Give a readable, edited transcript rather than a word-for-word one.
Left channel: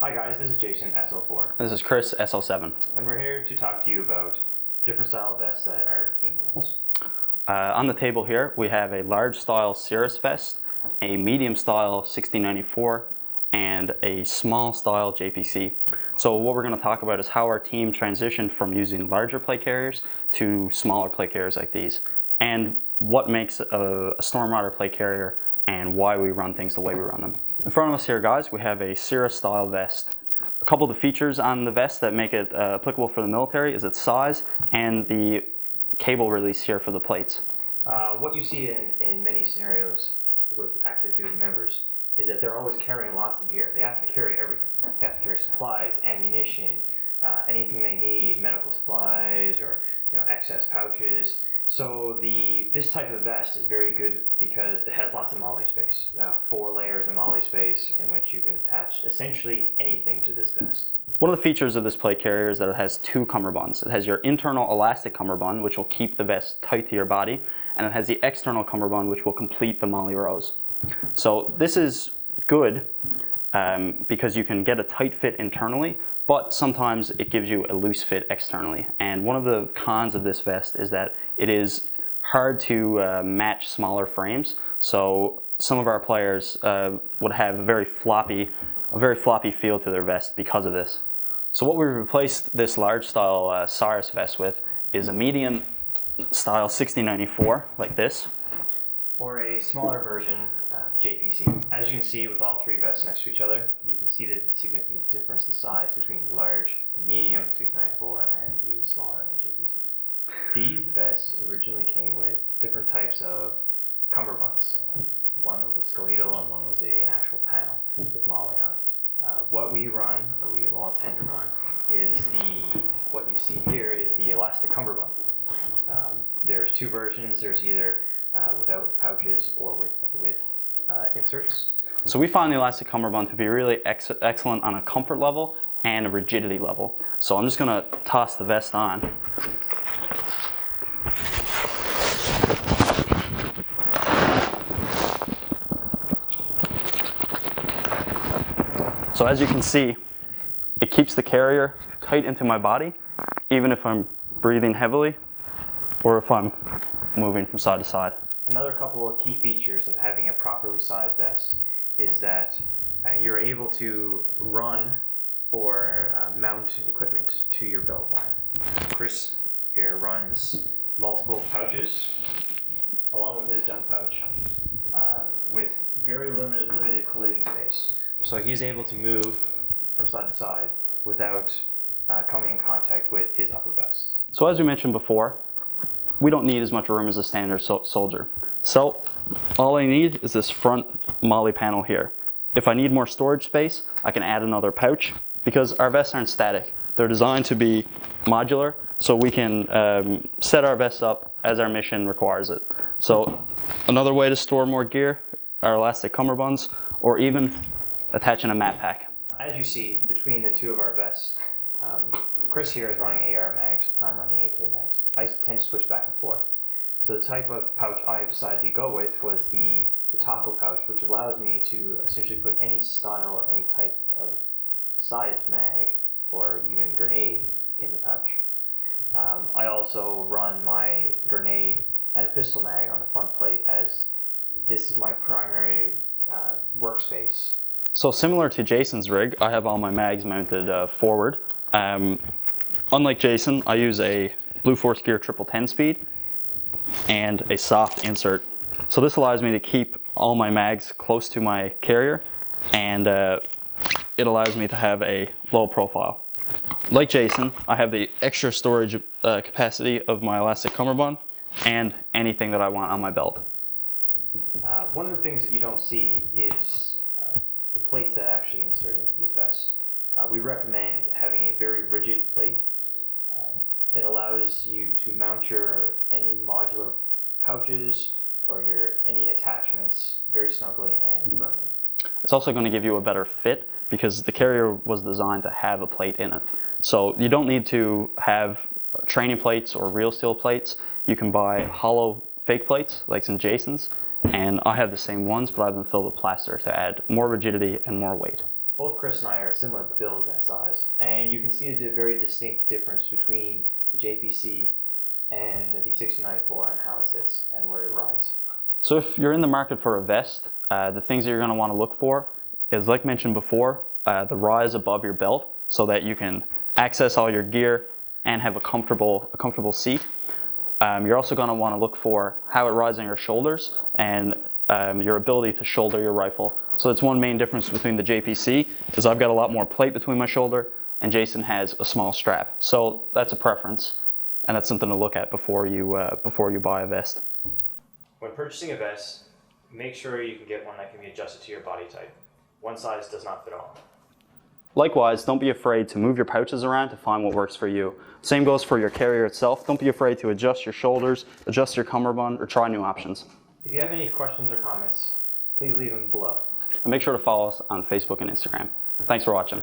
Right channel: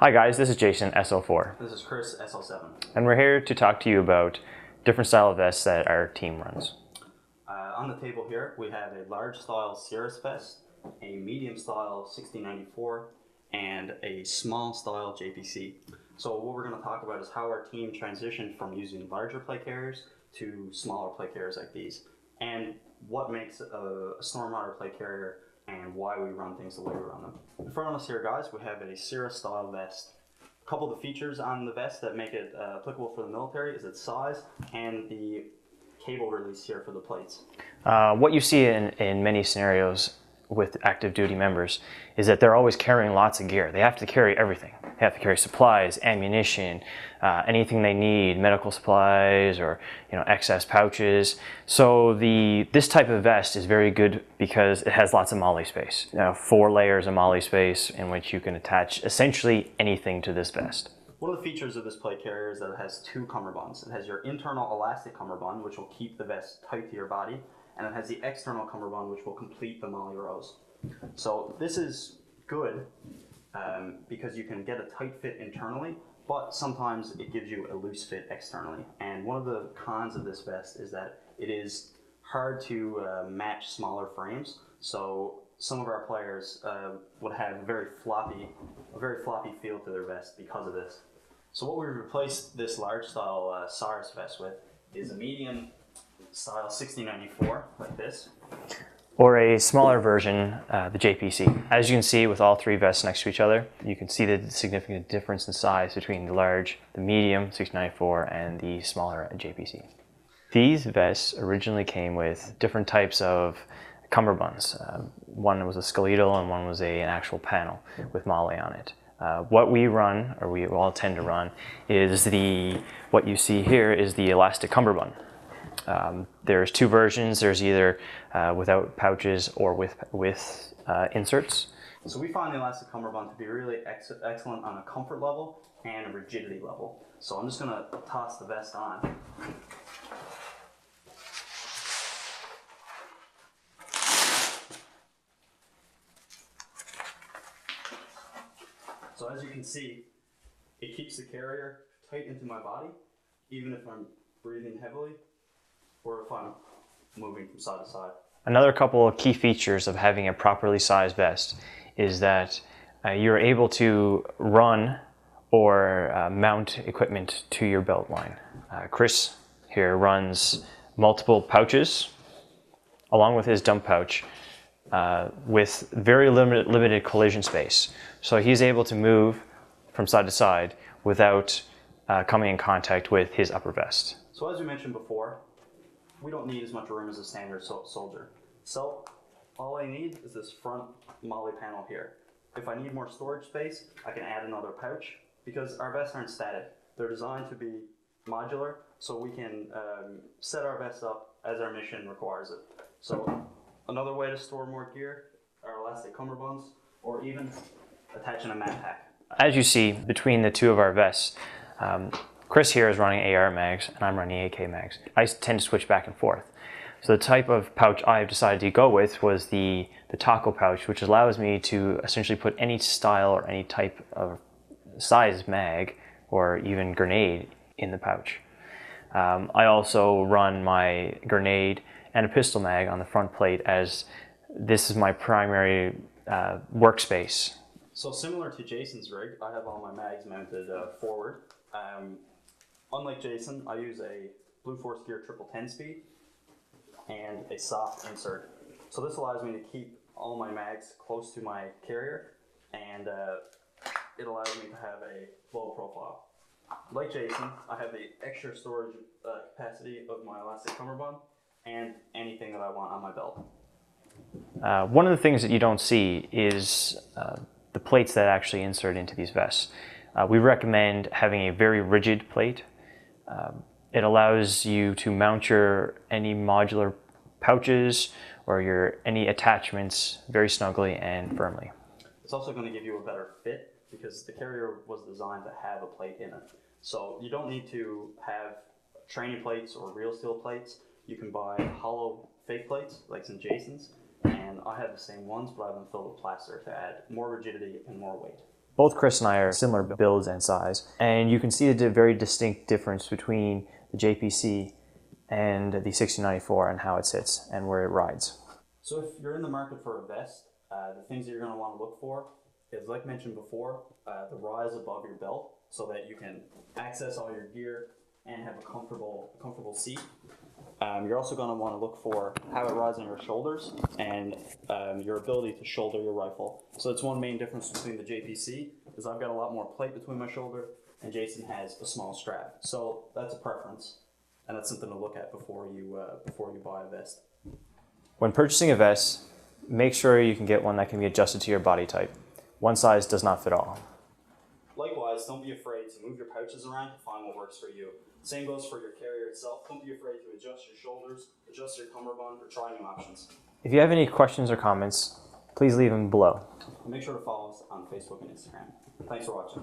Hi guys, this is Jason, SL4, This is Chris, SL7. and we're here to talk to you about different style of vests that our team runs. On the table here, we have a large style Cirrus vest, a medium style 1694, and a small style JPC. So what we're going to talk about is how our team transitioned from using larger plate carriers to smaller plate carriers like these, and what makes a Stormwater plate carrier and why we run things the way we run them. In front of us here, guys, we have a Cirrus style vest. A couple of the features on the vest that make it applicable for the military is its size and the cable release here for the plates. What you see in many scenarios with active duty members is that they're always carrying lots of gear. They have to carry everything. They have to carry supplies, ammunition, anything they need, medical supplies, or excess pouches. So this type of vest is very good because it has lots of MOLLE space. 4 layers of MOLLE space in which you can attach essentially anything to this vest. One of the features of this plate carrier is that it has 2 cummerbunds. It has your internal elastic cummerbund, which will keep the vest tight to your body, and it has the external cummerbund, which will complete the MOLLE rows. So this is good because you can get a tight fit internally, but sometimes it gives you a loose fit externally. And one of the cons of this vest is that it is hard to match smaller frames. So some of our players would have a very floppy feel to their vest because of this. So what we've replaced this large style Cirrus vest with is a medium style 1694 like this. Or a smaller version, the JPC. As you can see with all 3 vests next to each other, you can see the significant difference in size between the large, the medium 1694, and the smaller JPC. These vests originally came with different types of cummerbunds. One was a skeletal and one was an actual panel with MOLLE on it. What we run, or we all tend to run, is what you see here is the elastic cummerbund. There's 2 versions. There's either without pouches or with inserts. So we find the elastic cummerbund to be really excellent on a comfort level and a rigidity level. So I'm just going to toss the vest on. So as you can see, it keeps the carrier tight into my body, even if I'm breathing heavily or if I'm moving from side to side. Another couple of key features of having a properly sized vest is that you're able to run or mount equipment to your belt line. Chris here runs multiple pouches along with his dump pouch with very limited collision space. So he's able to move from side to side without coming in contact with his upper vest. So as we mentioned before, we don't need as much room as a standard soldier. So all I need is this front MOLLE panel here. If I need more storage space, I can add another pouch because our vests aren't static. They're designed to be modular, so we can set our vests up as our mission requires it. So another way to store more gear are elastic cummerbunds, or even attaching a mat pack. As you see between the 2 of our vests, Chris here is running AR mags and I'm running AK mags. I tend to switch back and forth. So the type of pouch I've decided to go with was the taco pouch, which allows me to essentially put any style or any type of size mag or even grenade in the pouch. I also run my grenade and a pistol mag on the front plate, as this is my primary workspace. So similar to Jason's rig, I have all my mags mounted forward. Unlike Jason, I use a Blue Force Gear 1010 speed and a soft insert. So this allows me to keep all my mags close to my carrier, and it allows me to have a low profile. Like Jason, I have the extra storage capacity of my elastic cummerbund and anything that I want on my belt. One of the things that you don't see is the plates that actually insert into these vests. We recommend having a very rigid plate. It allows you to mount any modular pouches or any attachments very snugly and firmly. It's also going to give you a better fit because the carrier was designed to have a plate in it. So you don't need to have training plates or real steel plates. You can buy hollow fake plates like in Jason's, and I have the same ones, but I've been filled with plaster to add more rigidity and more weight. Both Chris and I are similar builds and size, and you can see the very distinct difference between the JPC and the 1694 and how it sits and where it rides. So if you're in the market for a vest, the things that you're going to want to look for is, like mentioned before, the rise above your belt so that you can access all your gear and have a comfortable seat. You're also going to want to look for how it rides on your shoulders and your ability to shoulder your rifle. So that's one main difference between the JPC, is I've got a lot more plate between my shoulder and Jason has a small strap. So that's a preference, and that's something to look at before you buy a vest. When purchasing a vest, make sure you can get one that can be adjusted to your body type. One size does not fit all. Likewise, don't be afraid to move your pouches around to find what works for you. Same goes for your carrier itself. Don't be afraid to adjust your shoulders, adjust your cummerbund, or try new options. If you have any questions or comments, please leave them below. And make sure to follow us on Facebook and Instagram. Thanks for watching.